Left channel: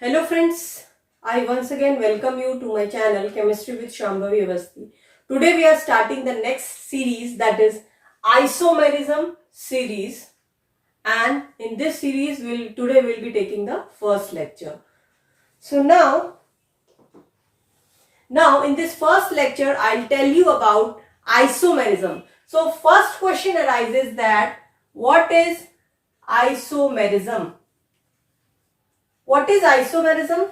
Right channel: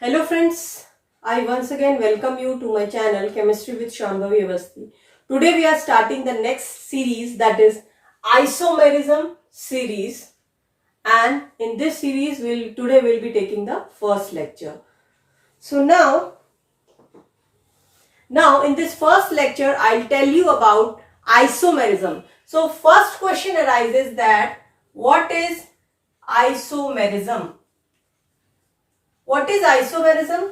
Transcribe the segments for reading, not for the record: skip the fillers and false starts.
Hello friends, I once again welcome you to my channel Chemistry with Shambhavi Avasthi. Today we are starting the next series, that is isomerism series, and in this series today we'll be taking the first lecture. So now in this first lecture I'll tell you about isomerism. So first question arises that what is isomerism? What is isomerism?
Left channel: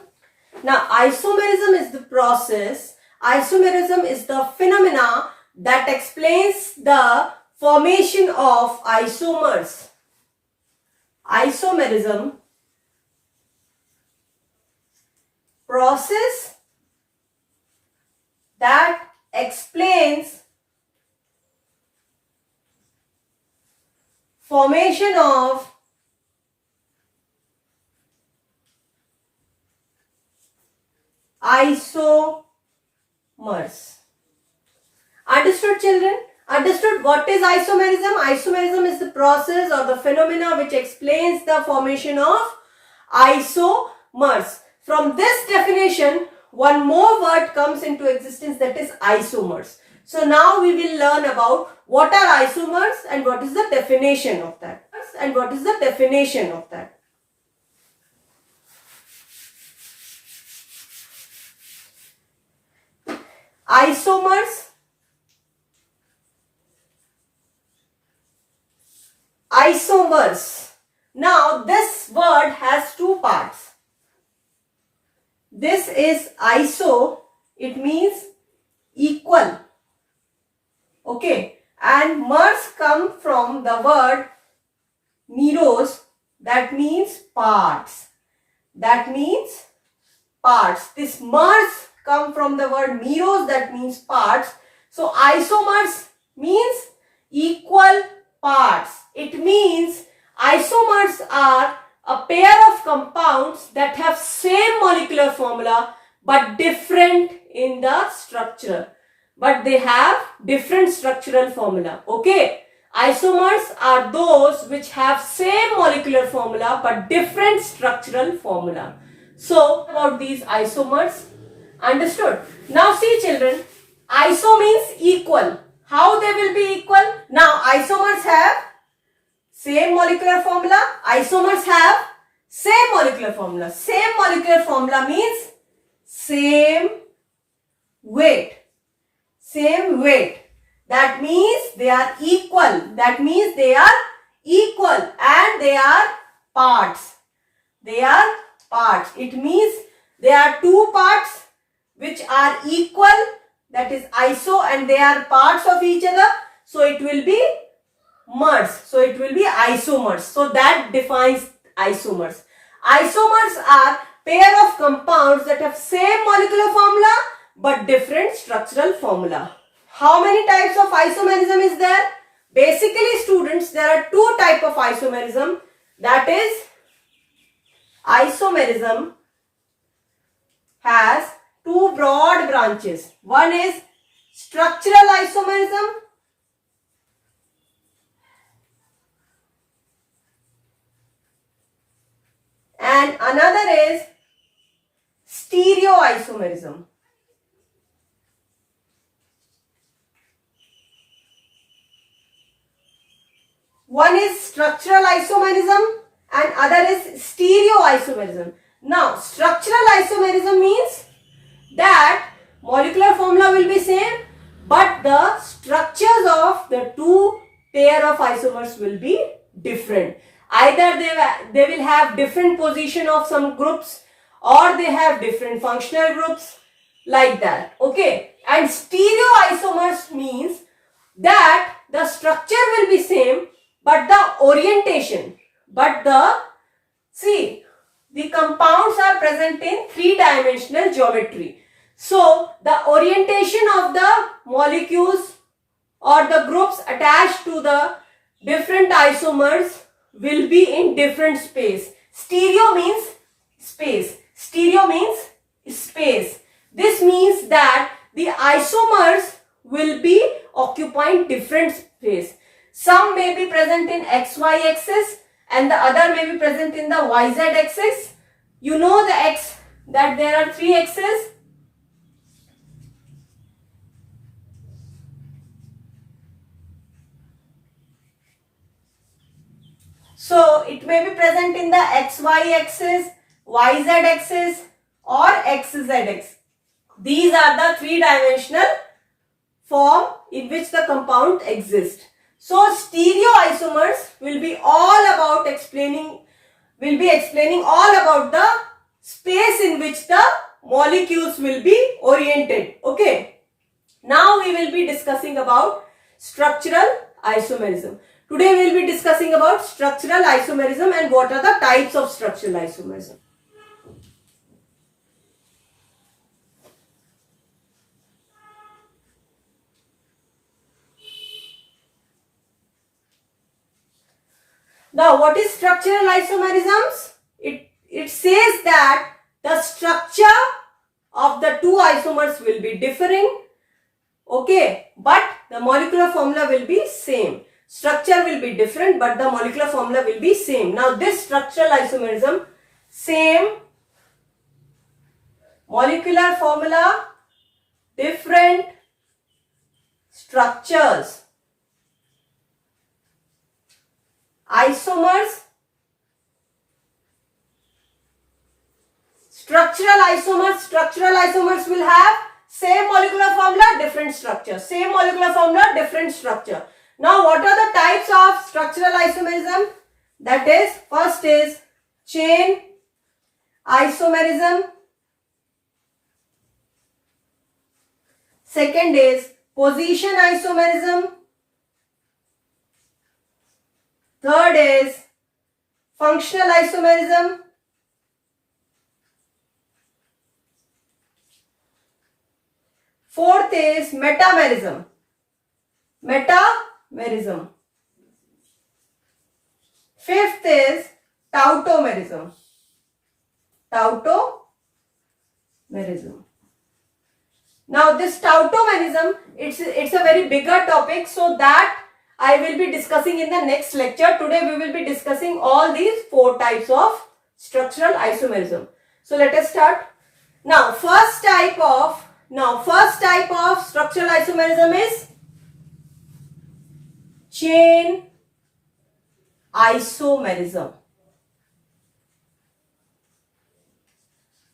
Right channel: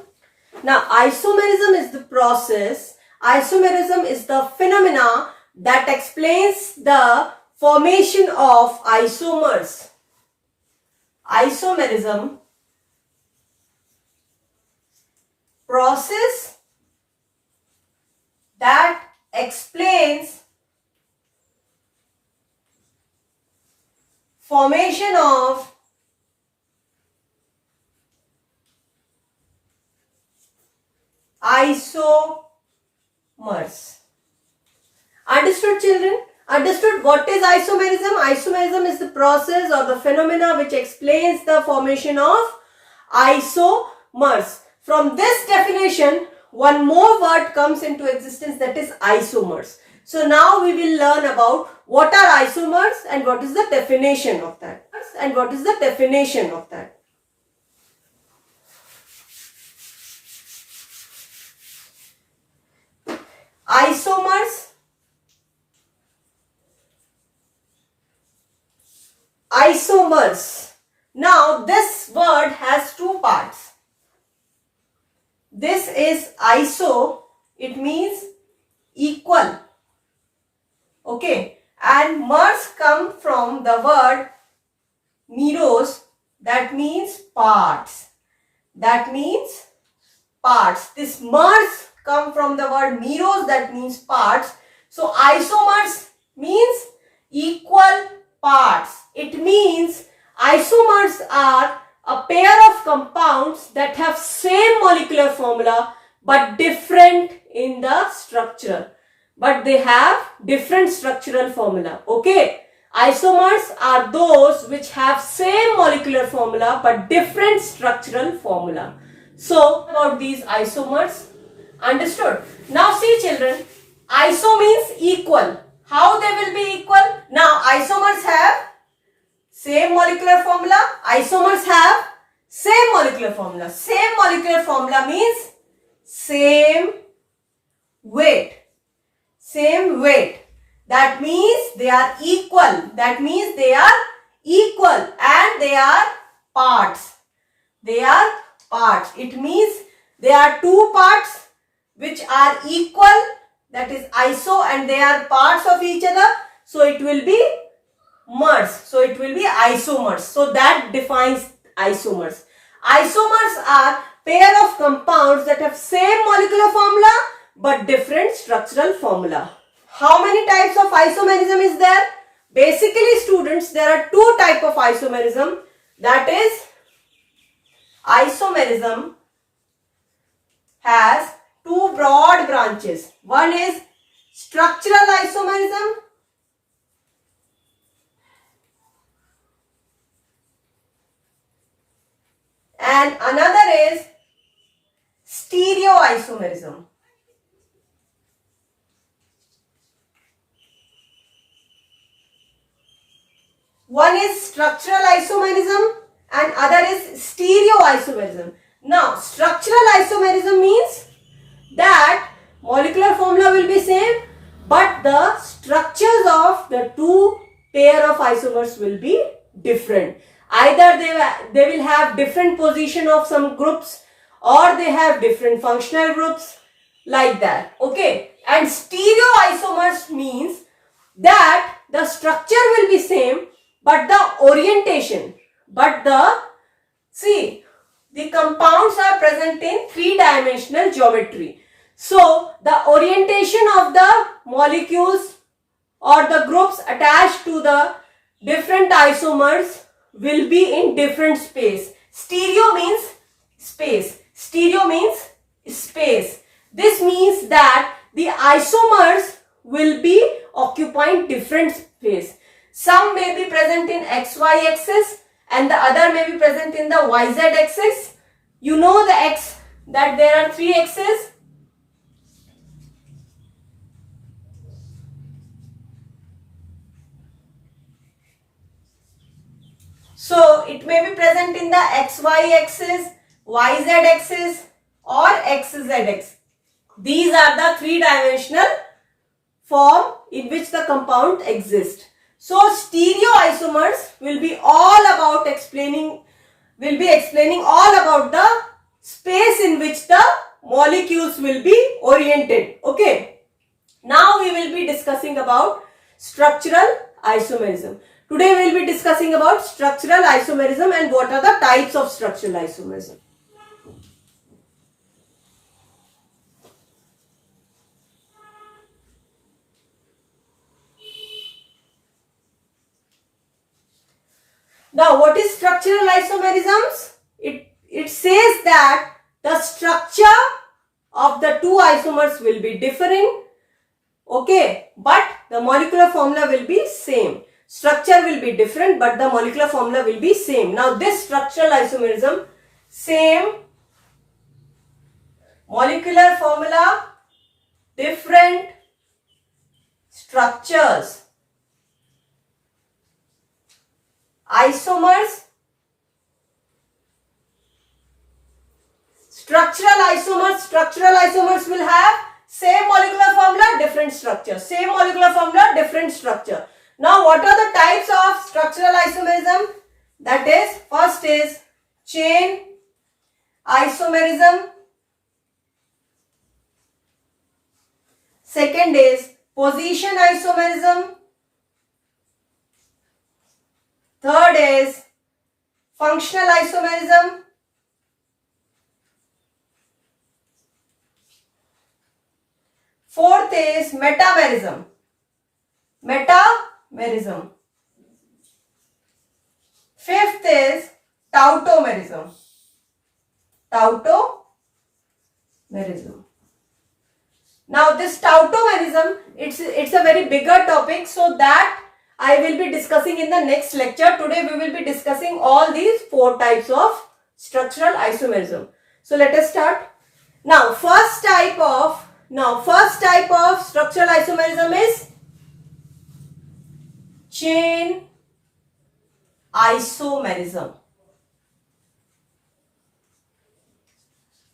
Now, isomerism is the process, isomerism is the phenomena that explains the formation of isomers. Isomerism, process that explains formation of isomers. Understood, children? Understood what is isomerism? Isomerism is the process or the phenomena which explains the formation of isomers. From this definition, one more word comes into existence, that is isomers. So now we will learn about what are isomers and what is the definition of that. Isomers. Now this word has two parts. This is iso, it means equal. Okay, and mers come from the word meros, that means parts. This mers come from the word meros, that means parts. So isomers means equal parts. It means isomers are a pair of compounds that have same molecular formula but different in the structure. But they have different structural formula. Okay. Isomers are those which have same molecular formula but different structural formula. So about these isomers. Understood? Now see children, iso means equal. How they will be equal? Now isomers have same molecular formula. Isomers have same molecular formula. Same molecular formula means same weight. Same weight. That means they are equal. And they are parts. It means there are two parts which are equal, that is iso, and they are parts of each other. So it will be mers. So it will be isomers. So that defines isomers. Isomers are pair of compounds that have same molecular formula but different structural formula. How many types of isomerism is there? Basically students, there are two types of isomerism. That is, isomerism has two broad branches. One is structural isomerism and another is stereoisomerism. One is structural isomerism and other is stereoisomerism. Now, structural isomerism means that molecular formula will be same, but the structures of the two pair of isomers will be different. Either they will have different position of some groups, or they have different functional groups, like that. Okay. And stereoisomers means that the structure will be same, but the orientation, the compounds are present in three-dimensional geometry. So the orientation of the molecules or the groups attached to the different isomers will be in different space. Stereo means space. This means that the isomers will be occupying different space. Some may be present in XY axis and the other may be present in the YZ axis. You know the X, that there are 3 X's. So it may be present in the XY axis, YZ axis or XZ axis. These are the 3-dimensional form in which the compound exists. So stereoisomers will be explaining all about the space in which the molecules will be oriented. Okay. Now we will be discussing about structural isomerism. Today we will be discussing about structural isomerism and what are the types of structural isomerism. Now, what is structural isomerisms? It says that the structure of the 2 isomers will be differing, okay, but the molecular formula will be same. Structure will be different, but the molecular formula will be same. Now, this structural isomerism, same molecular formula, different structures. Isomers, structural isomers will have same molecular formula, different structure. Same molecular formula, different structure. Now, what are the types of structural isomerism? That is, first is chain isomerism. Second is position isomerism. Third is functional isomerism. Fourth is metamerism. Fifth is tautomerism. Now this tautomerism, it's a very bigger topic, so that I will be discussing in the next lecture. Today we will be discussing all these 4 types of structural isomerism. So let us start. Now first type of structural isomerism is chain isomerism.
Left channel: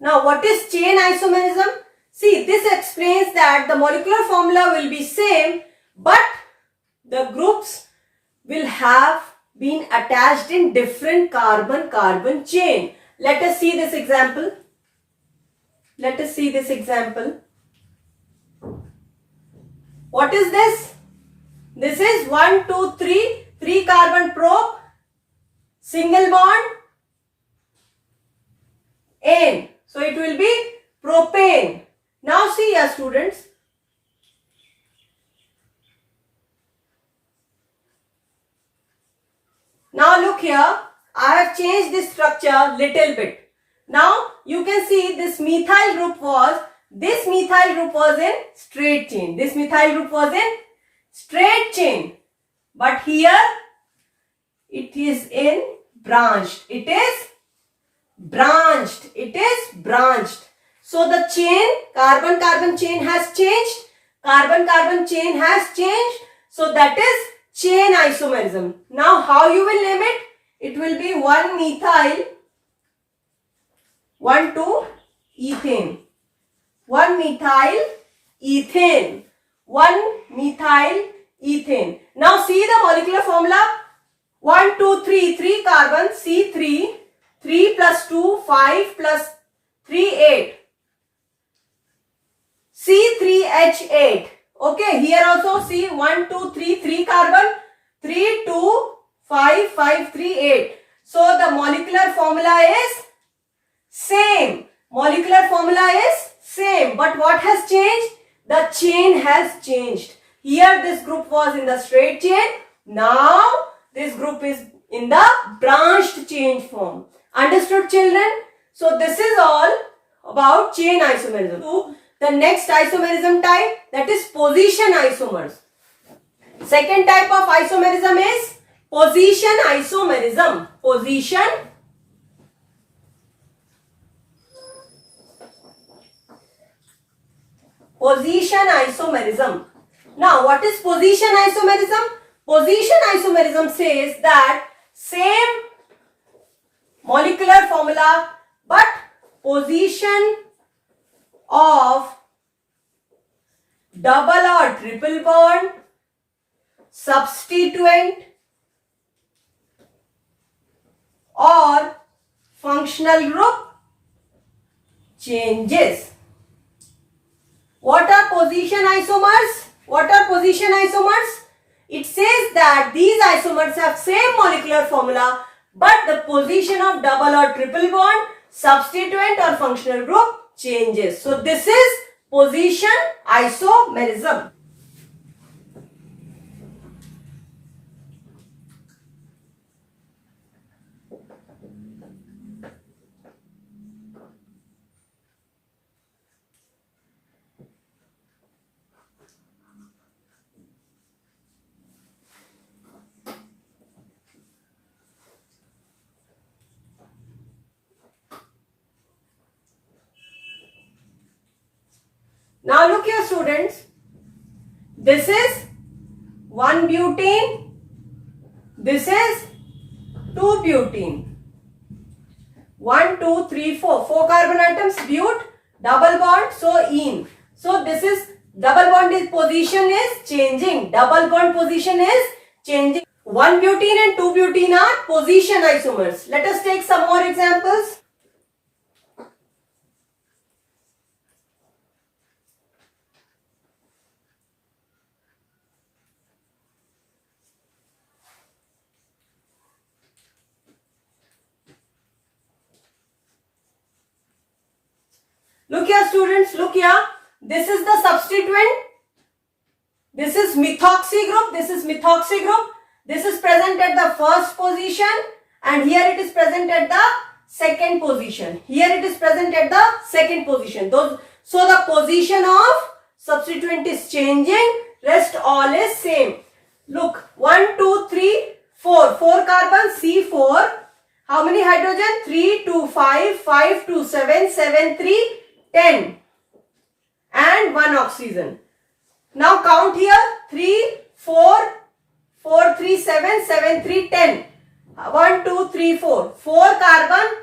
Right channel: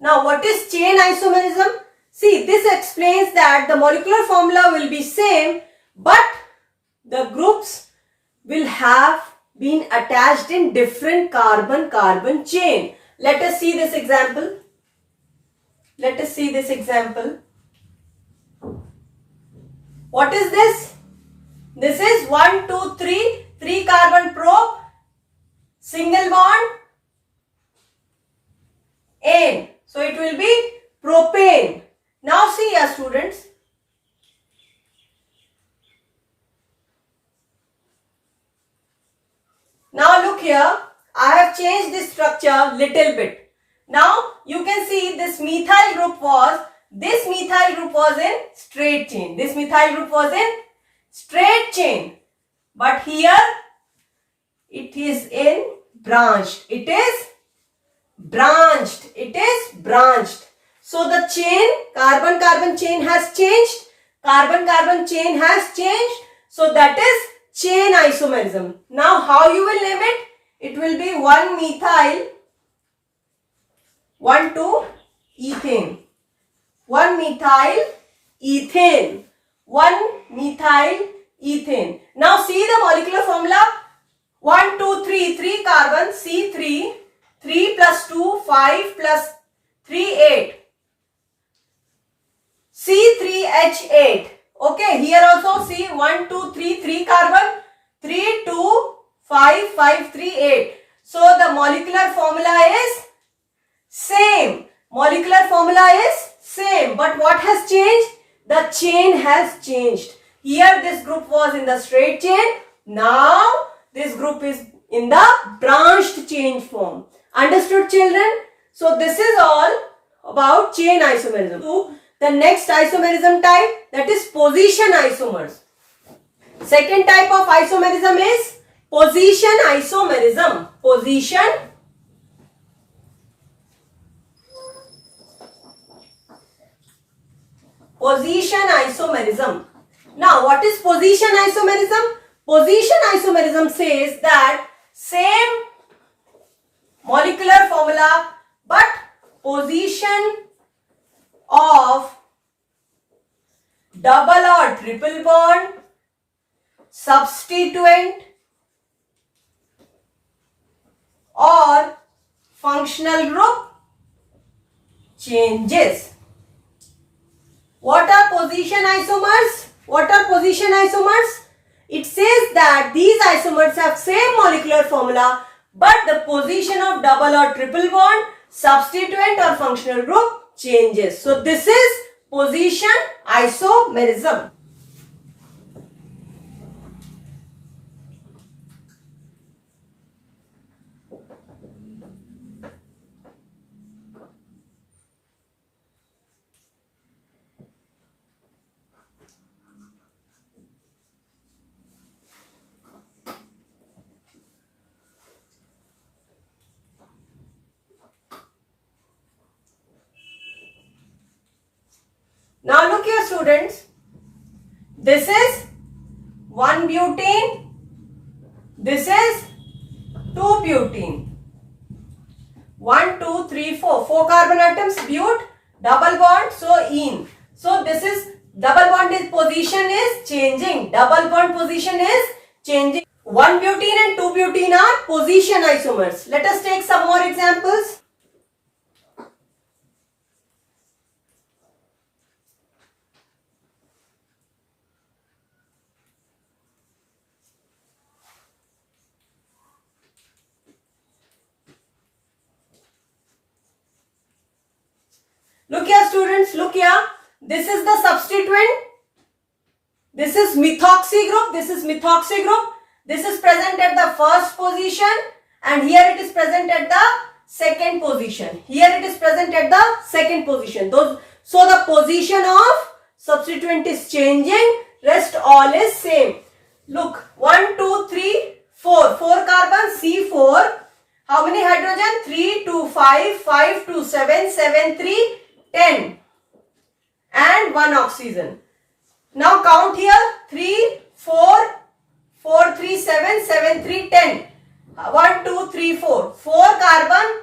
Now what is chain isomerism? See, this explains that the molecular formula will be same, but the groups will have been attached in different carbon-carbon chain. Let us see this example. What is this? This is 1, 2, 3 carbon probe, single bond, N. So it will be propane. Now see here, students. Now look here, I have changed this structure little bit. Now you can see this methyl group was in straight chain. This methyl group was in straight chain. But here it is in branched. It is branched. So the chain, carbon-carbon chain has changed. So that is chain isomerism. Now how you will name it? It will be 1-methyl, 1-2-ethane. 1-methyl ethane. Now see the molecular formula. 1, 2, 3 carbon, C3, 3 plus 2, 5 plus 3, 8. C3H8. Okay, here also see 1, 2, 3 carbon, 3, 2, 5, 5, 3, 8. So the molecular formula is same. But what has changed? The chain has changed. Here this group was in the straight chain. Now this group is in the branched chain form. Understood, children? So this is all about chain isomerism. So the next isomerism type, that is position isomers. Second type of isomerism is position isomerism. Position isomerism. Now, what is position isomerism? Position isomerism says that same molecular formula but position of double or triple bond, substituent or functional group changes. What are position isomers? What are position isomers? It says that these isomers have same molecular formula but the position of double or triple bond, substituent or functional group changes. So this is position isomerism. Now look here students, this is 1 butene, this is 2 butene, 1, 2, 3, 4, 4 carbon atoms, but, double bond, so ene. So this is double bond is position is changing, double bond position is changing. 1 butene and 2 butene are position isomers. Let us take some more examples. Look here students, look here. This is the substituent. This is methoxy group. This is methoxy group. This is present at the first position and here it is present at the second position. Here it is present at the second position. So the position of substituent is changing. Rest all is same. Look, 1, 2, 3, 4. 4 carbon, C4. How many hydrogen? 3, 2, 5, 5, 2, 7, 7, 3, 10 and 1 oxygen. Now count here 3, 4, 4, 3, 7, 7, 3, 10. 1, 2, 3, 4. 4 carbon,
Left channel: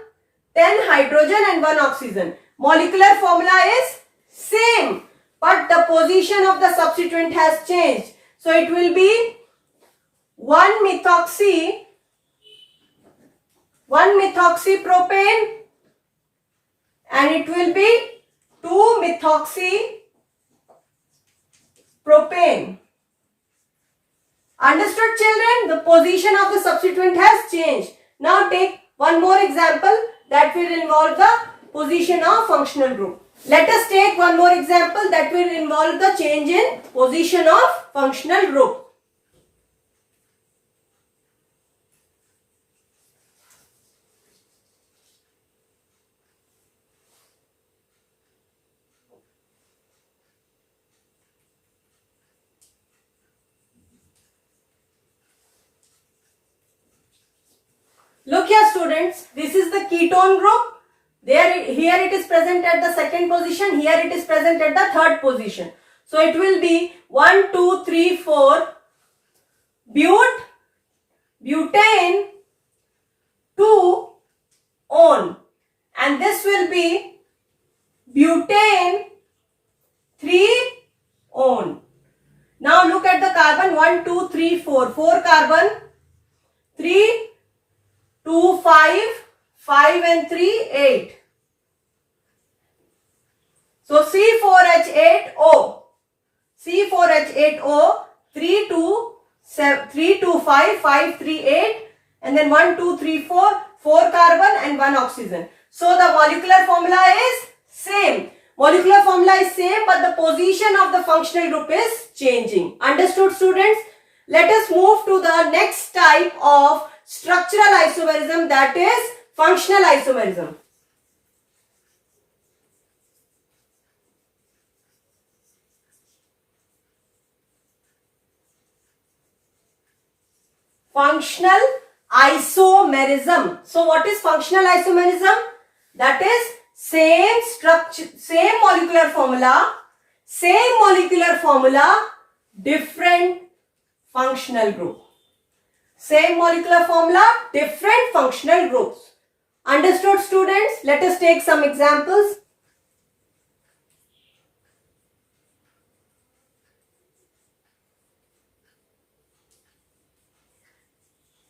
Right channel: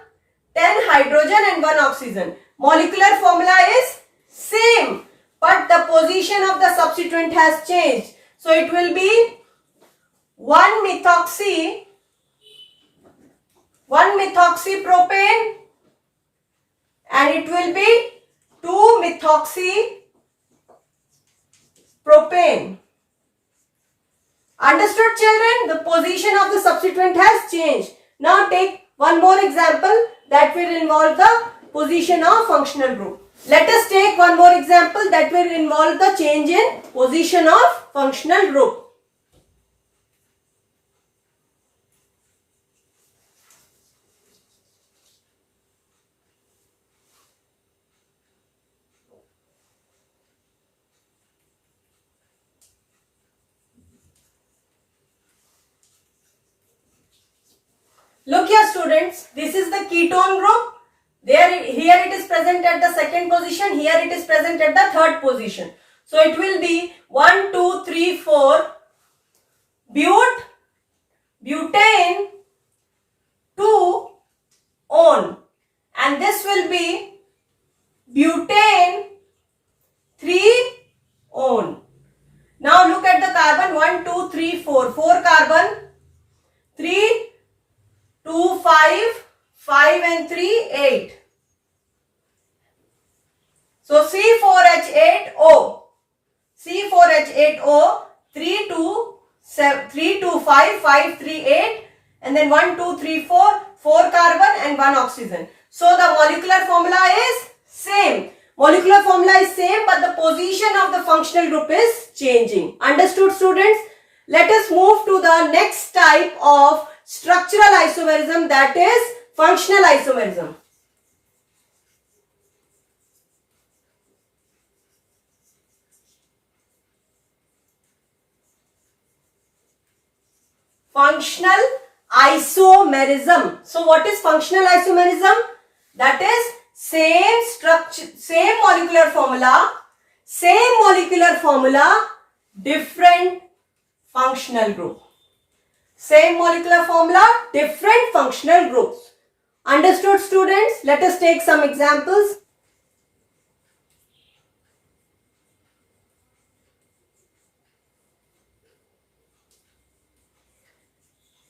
10 hydrogen and 1 oxygen. Molecular formula is same but the position of the substituent has changed. So it will be 1 methoxy propane and it will be 2 methoxy propane. Understood children? The position of the substituent has changed. Now take one more example that will involve the position of functional group. Let us take one more example that will involve the change in position of functional group. Look here students, this is the ketone group. Here it is present at the second position, here it is present at the third position. So it will be 1, 2, 3, 4, butane, 2, one. And this will be butane, 3, one. Now look at the carbon 1, 2, 3, 4. 4 carbon, 3, 2, 5, 5 and 3, 8. So C4H8O. C4H8O, 3, 2, 5, 5, 3, 8 and then 1, 2, 3, 4, 4 carbon and 1 oxygen. So the molecular formula is same. Molecular formula is same but the position of the functional group is changing. Understood students? Let us move to the next type of structural isomerism, that is functional isomerism. Functional isomerism. So what is functional isomerism? That is same structure, same molecular formula, Same molecular formula, different functional group. Same molecular formula, different functional groups. Understood, students? Let us take some examples.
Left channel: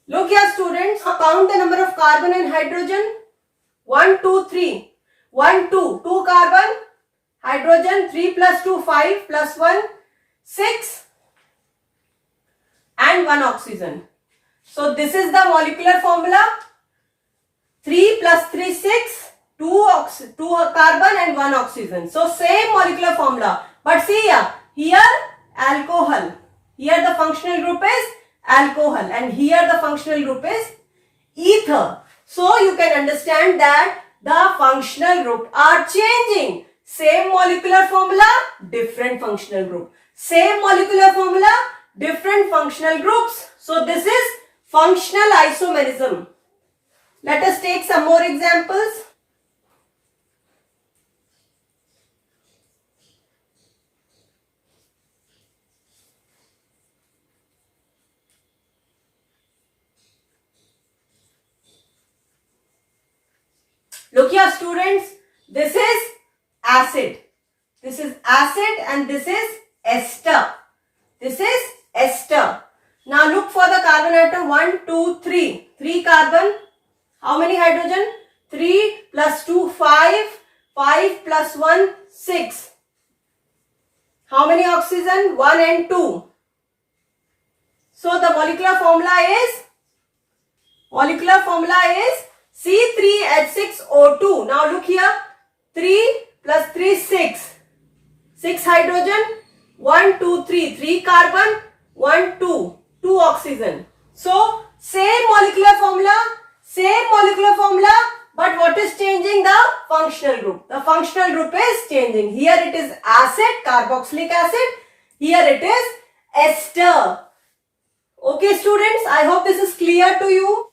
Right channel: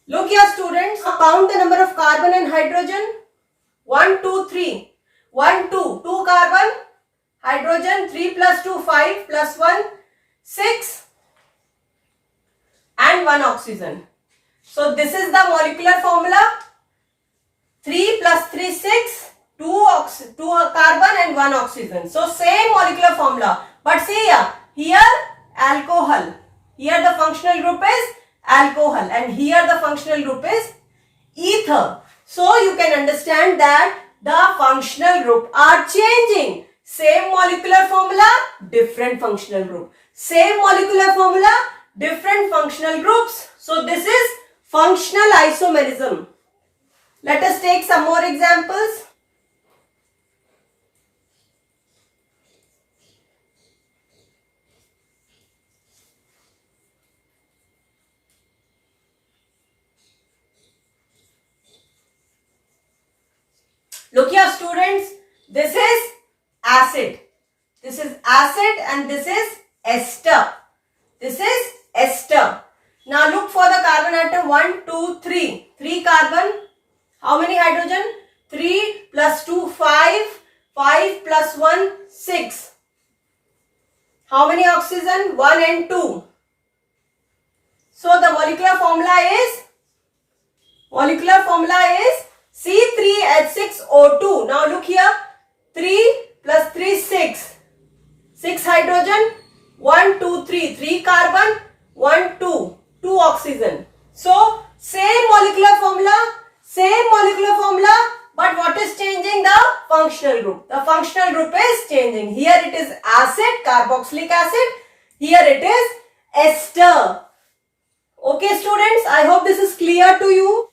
Look here, students. Count the number of carbon and hydrogen. 1, 2, 3. 1, 2. 2 carbon. Hydrogen. 3 plus 2, 5 plus 1, 6. And 1 oxygen. So this is the molecular formula. 3 plus 3, 6. 2 carbon and 1 oxygen. So same molecular formula. But see here alcohol. Here the functional group is alcohol and here the functional group is ether. So you can understand that the functional group are changing. Same molecular formula, different functional group. Same molecular formula, different functional groups. So this is functional isomerism. Let us take some more examples. Look here, students. This is acid. This is acid and this is ester. This is ester. Now look for the carbon atom. 1, 2, 3. 3 carbon. How many hydrogen? 3 plus 2, 5. 5 plus 1, 6. How many oxygen? 1 and 2. So the molecular formula is C3H6O2. Now look here. 3 plus 3, 6. 6 hydrogen. 1, 2, 3. 3 carbon. 1, 2. 2 oxygen. So same molecular formula. But what is changing? The functional group. The functional group is changing. Here it is acid, carboxylic acid. Here it is ester. Okay, students, I hope this is clear to you.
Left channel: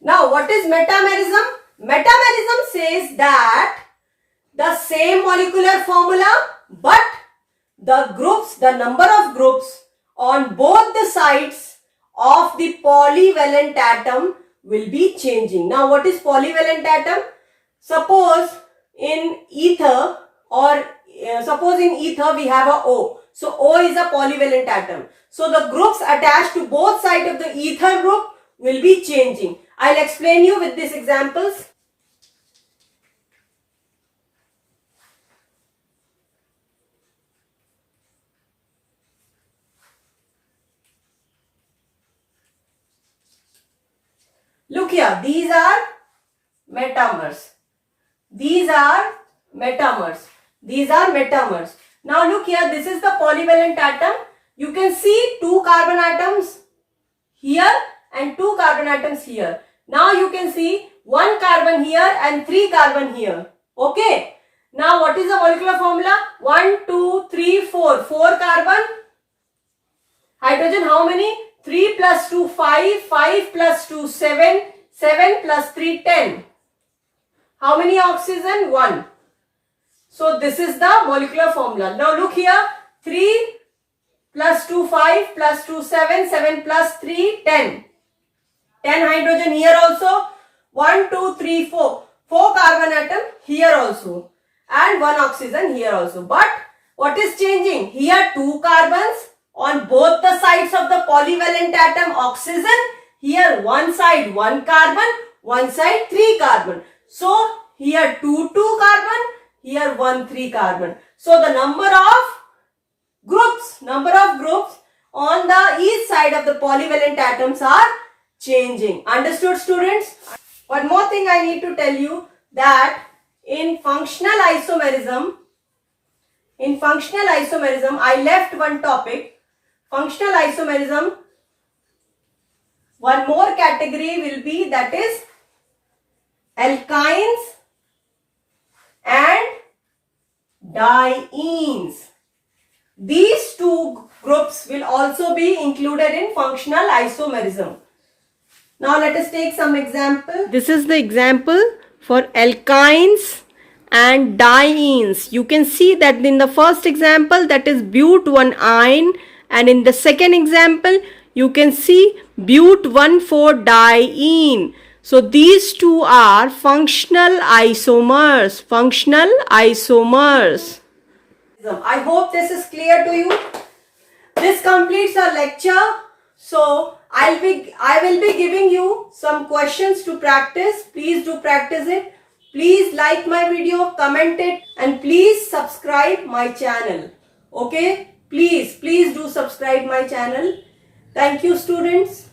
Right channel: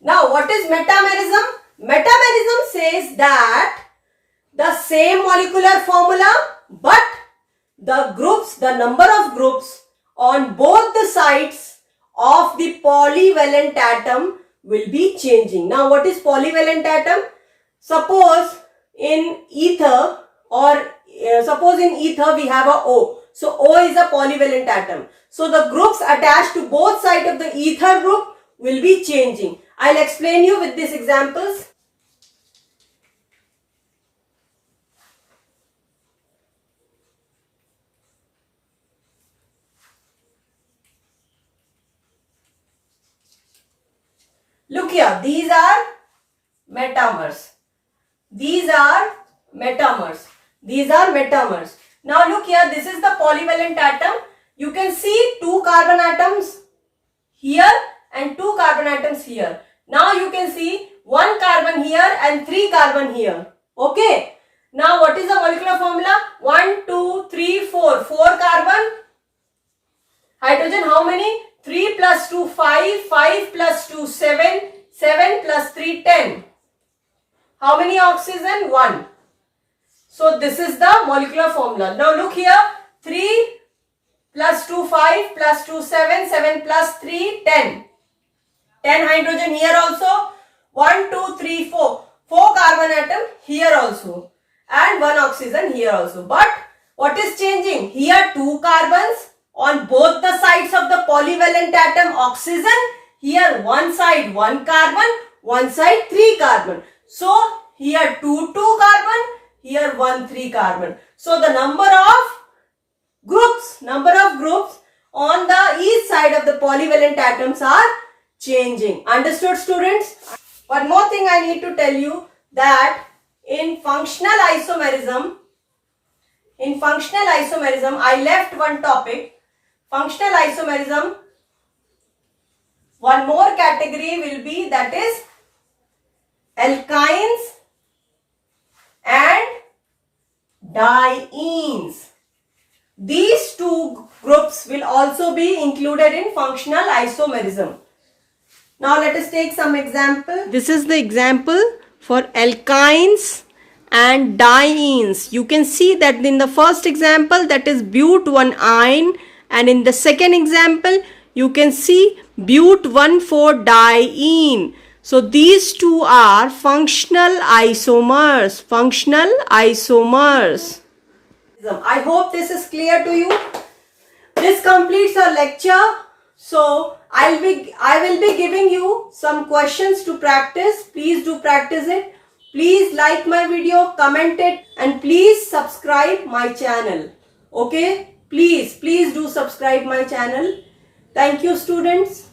Now, what is metamerism? Metamerism says that the same molecular formula, but the groups, the number of groups on both the sides of the polyvalent atom will be changing. Now, what is polyvalent atom? Suppose in ether we have a O. So O is a polyvalent atom. So the groups attached to both sides of the ether group will be changing. I'll explain you with these examples. Look here, these are metamers. These are metamers. Now look here, this is the polyvalent atom. You can see 2 carbon atoms here and 2 carbon atoms here. Now you can see 1 carbon here and 3 carbon here. Okay. Now what is the molecular formula? 1, 2, 3, 4. 4 carbon. Hydrogen how many? 3 plus 2, 5. 5 plus 2, 7. 7 plus 3, 10. How many oxygen? 1. So this is the molecular formula. Now look here. 3 plus 2, 5 plus 2, 7. 7 plus 3, 10. 10 hydrogen here also. 1, 2, 3, 4. 4 carbon atom here also. And 1 oxygen here also. But what is changing? Here 2 carbons on both the sides of the polyvalent atom oxygen. Here one side 1 carbon, one side 3 carbon. So here 2 carbon, here 1 3 carbon. So the number of groups on the each side of the polyvalent atoms are changing. Understood, students? One more thing I need to tell you, that in functional isomerism, I left one topic. Functional isomerism, one more category will be, that is alkynes and dienes. These two groups will also be included in functional isomerism. Now let us take some example. This is the example for alkynes and dienes. You can see that in the first example, that is but1-ine, and in the second example you can see but1,4-diene. So these two are functional isomers. Functional isomers. I hope this is clear to you. This completes our lecture. So I will be giving you some questions to practice. Please do practice it. Please like my video, comment it, and please subscribe my channel. Okay? Please do subscribe my channel. Thank you, students.